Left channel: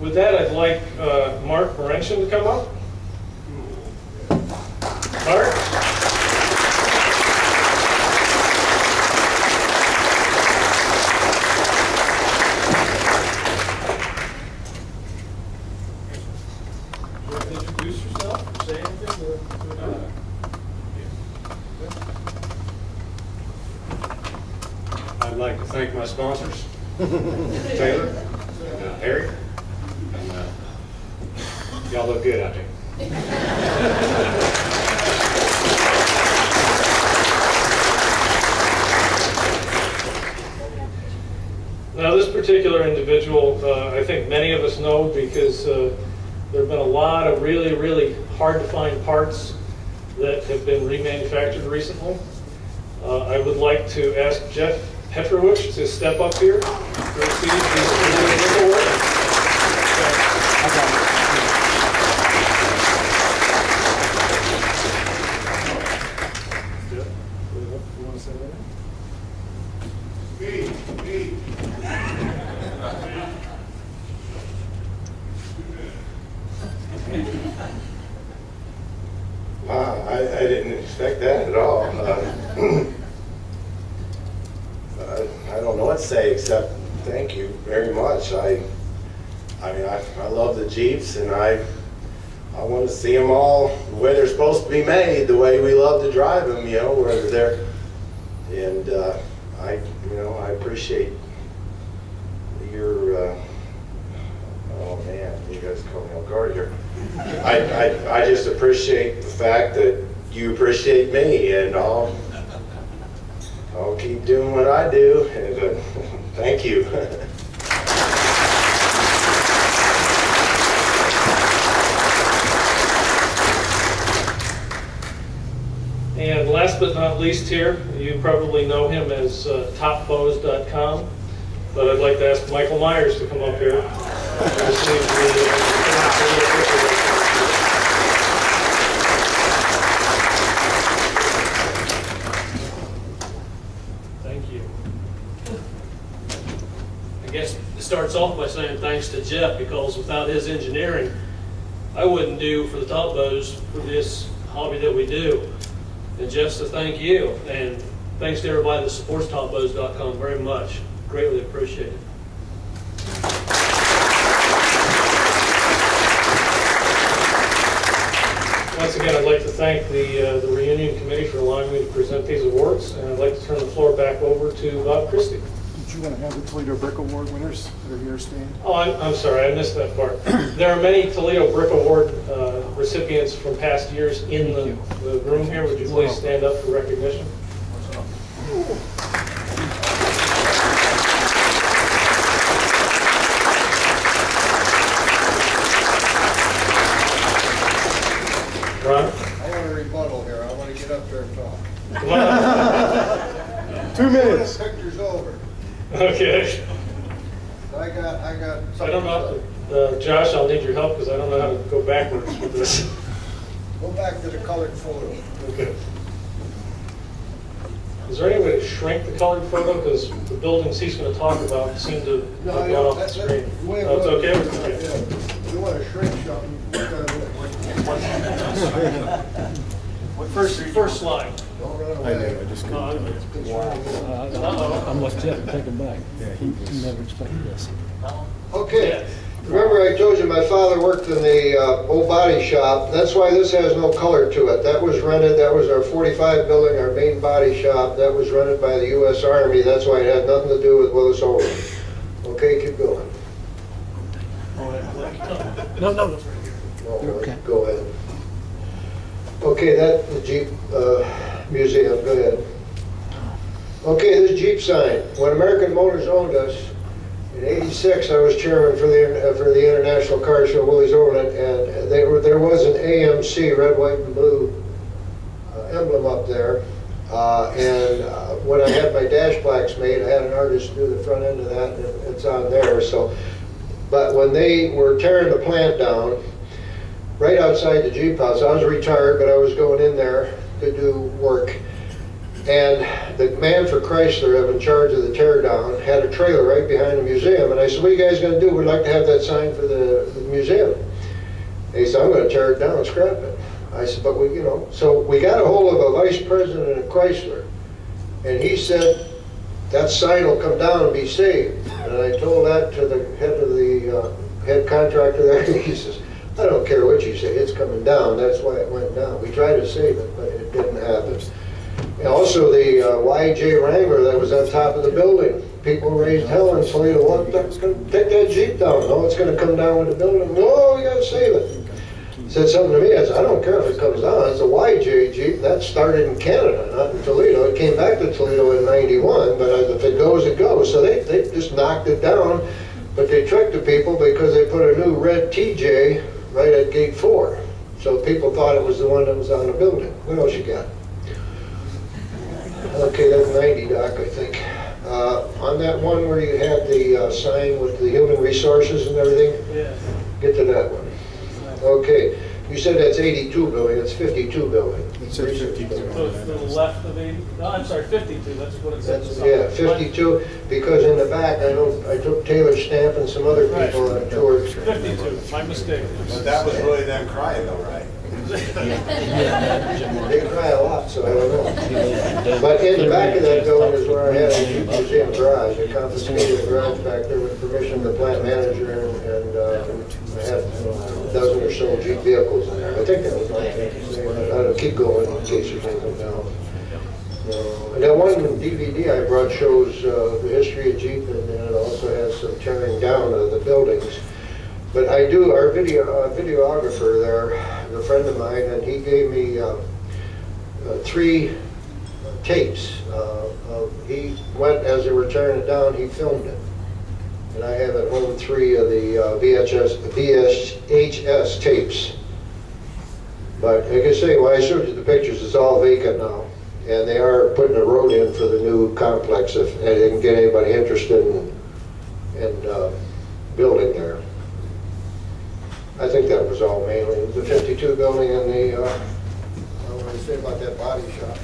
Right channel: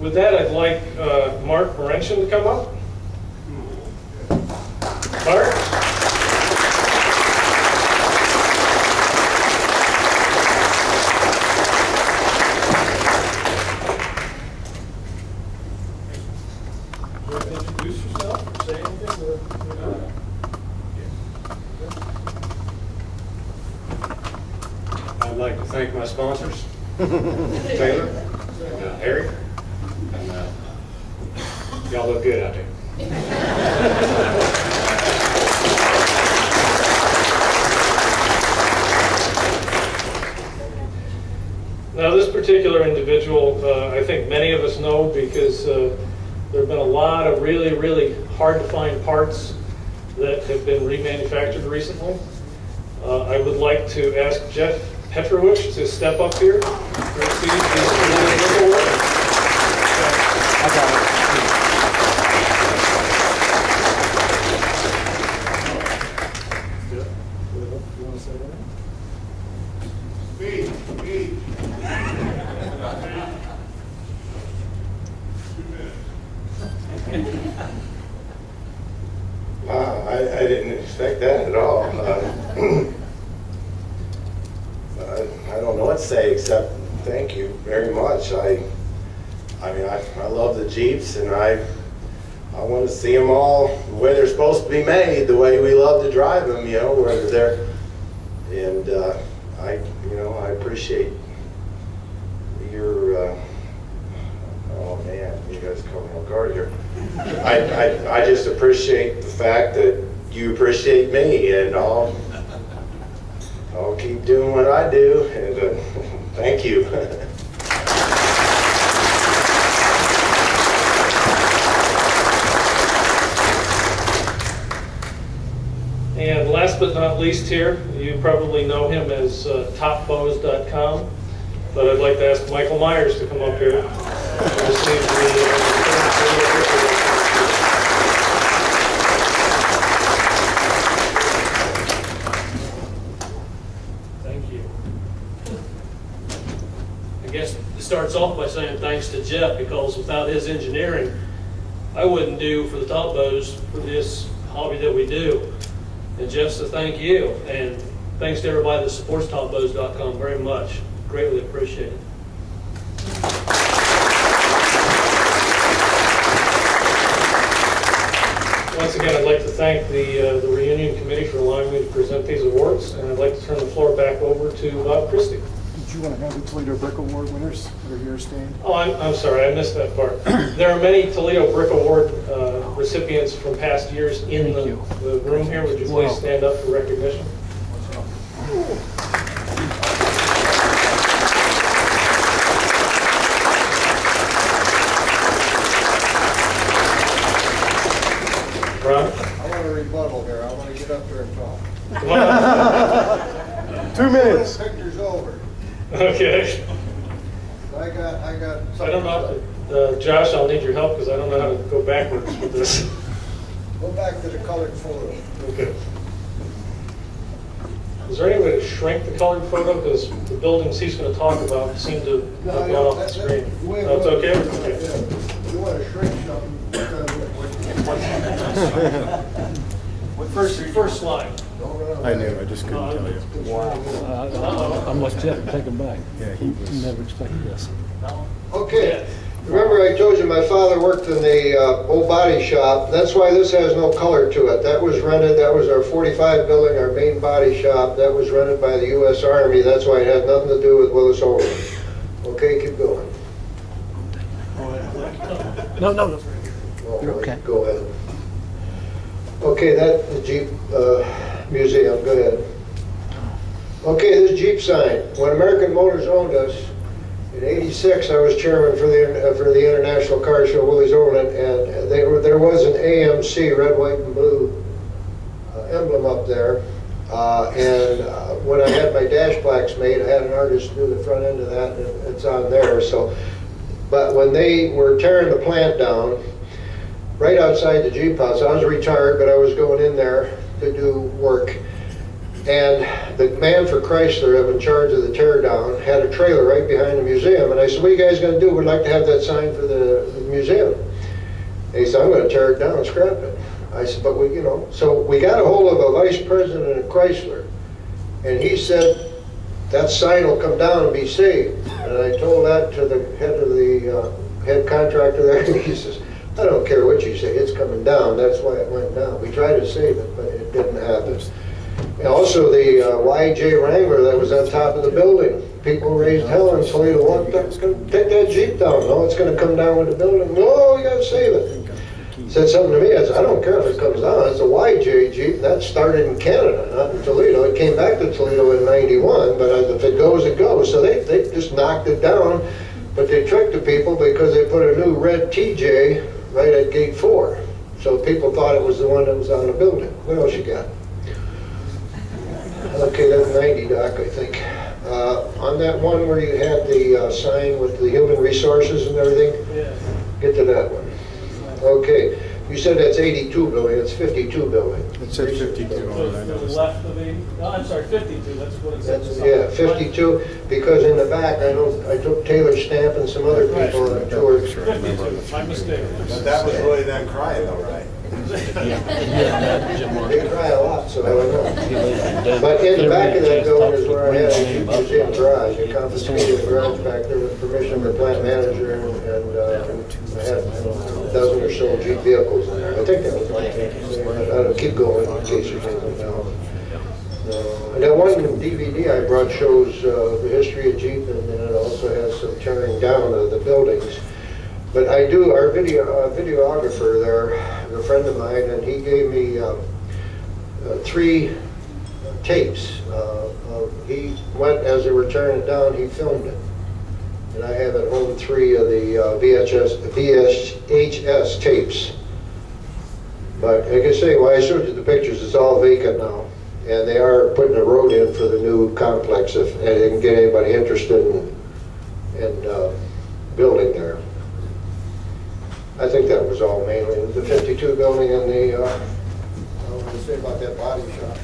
With that, I'd like Mark Morenchen to come up. Mark? Introduce yourself or say anything? I'd like to thank my sponsors, Taylor and Harry, and y'all look good out there. Now, this particular individual, I think many of us know because there have been a lot of really, really hard to find parts that have been remanufactured recently. I would like to ask Jeff Petrovich to step up here to receive the award. You want to say that? Me. Wow, I didn't expect that at all. I don't know what to say except thank you very much. I mean, I love the Jeeps, and I want to see them all the way they're supposed to be made, the way we love to drive them, you know, whether they're, and I appreciate your, oh man, you guys caught me off guard here. I just appreciate the fact that you appreciate me, and I'll keep doing what I do, and thank you. And last but not least here, you probably know him as topbows.com, but I'd like to ask Michael Myers to come up here and receive Thank you. I guess it starts off by saying thanks to Jeff, because without his engineering, I wouldn't do for the top bows for this hobby that we do. And Jeff, to thank you, and thanks to everybody that supports topbows.com very much. Greatly appreciated. Once again, I'd like to thank the reunion committee for allowing me to present these awards, and I'd like to turn the floor back over to Bob Christie. Did you want to have the Toledo Brick Award winners that are here stand? Oh, I'm sorry, I missed that part. There are many Toledo Brick Award recipients from past years in the room here. Would you please stand up for recognition? Ron? I want a rebuttal here. I want to get up there and talk. Come on. 2 minutes. The picture's over. Okay. I got. I don't know, Josh, I'll need your help because I don't know how to go backwards with this. Go back to the colored photo. Okay. Is there any way to shrink the colored photo? Because the buildings he's going to talk about seem to have gone off the screen. No, it's okay? Okay. Yeah. You want to shrink something, we're going to do it. First slide. Don't run I away. know, I just couldn't tell you. Uh-oh. I'm like Jeff, take him back. Yeah, he never expected this. Okay. Remember I told you my father worked in the old body shop. That's why this has no color to it. That was rented, that was our 45 building, our main body shop. That was rented by the U.S. Army. That's why it had nothing to do with Willys Overland. Okay, keep going. No. Oh, You're okay. Go ahead. Okay, that the Jeep museum, go ahead. Okay, this Jeep sign. When American Motors owned us, in '86, I was chairman for the International Car Show, Willys Overland, and there was an AMC, red, white, and blue emblem up there. When I had my dash plaques made, I had an artist do the front end of that, and it's on there. So, but when they were tearing the plant down, right outside the Jeep house, I was retired, but I was going in there to do work. And the man for Chrysler, up in charge of the tear down, had a trailer right behind the museum. And I said, what are you guys gonna do? We'd like to have that sign for the museum. And he said, I'm gonna tear it down and scrap it. I said, but we, you know, so we got a hold of a vice president of Chrysler. And he said, that sign will come down and be saved. And I told that to the head of the head contractor there, and he says, I don't care what you say, it's coming down. That's why it went down. We tried to save it, but it didn't happen. And also the YJ Wrangler that was on top of the building. People raised hell in Toledo. What, it's going to take that Jeep down. No, it's going to come down with the building. No, we got to save it. Said something to me. I said, I don't care if it comes down. It's a YJ Jeep. That started in Canada, not in Toledo. It came back to Toledo in '91, but if it goes, it goes. So they just knocked it down, but they tricked the people because they put a new red TJ right at gate 4. So people thought it was the one that was on the building. What else you got? Okay, that's 90, Doc, I think. On that one where you had the sign with the human resources and everything, Yeah. get to that one. Okay, you said that's 82 building, it's 52 building. It said 52 To on the it. left of 80, no, I'm sorry, 52, that's what it says. Yeah, 52, because in the back, I took Taylor Stamp and some other people on a tour. 52, my mistake. But that was really them crying though, right? They cry a lot, so I don't know. But in the back of that building is where I had a Jeep museum garage. I confiscated the garage back there with permission of the plant manager, and I had a dozen or so Jeep vehicles in there. I think that was all I had to say. I'll keep going in case there's anything else. And that one DVD I brought shows the history of Jeep, and then it also has some tearing down of the buildings. But I do, our videographer there, a friend of mine, and he gave me 3 tapes. He went, as they were tearing it down, he filmed it. And I have at home 3 of the VHS tapes. But like I say, when I showed you the pictures, it's all vacant now. And they are putting a road in for the new complex if they can get anybody interested in building there. I think that was all mainly the 52 building and the, I want to say about that body shop.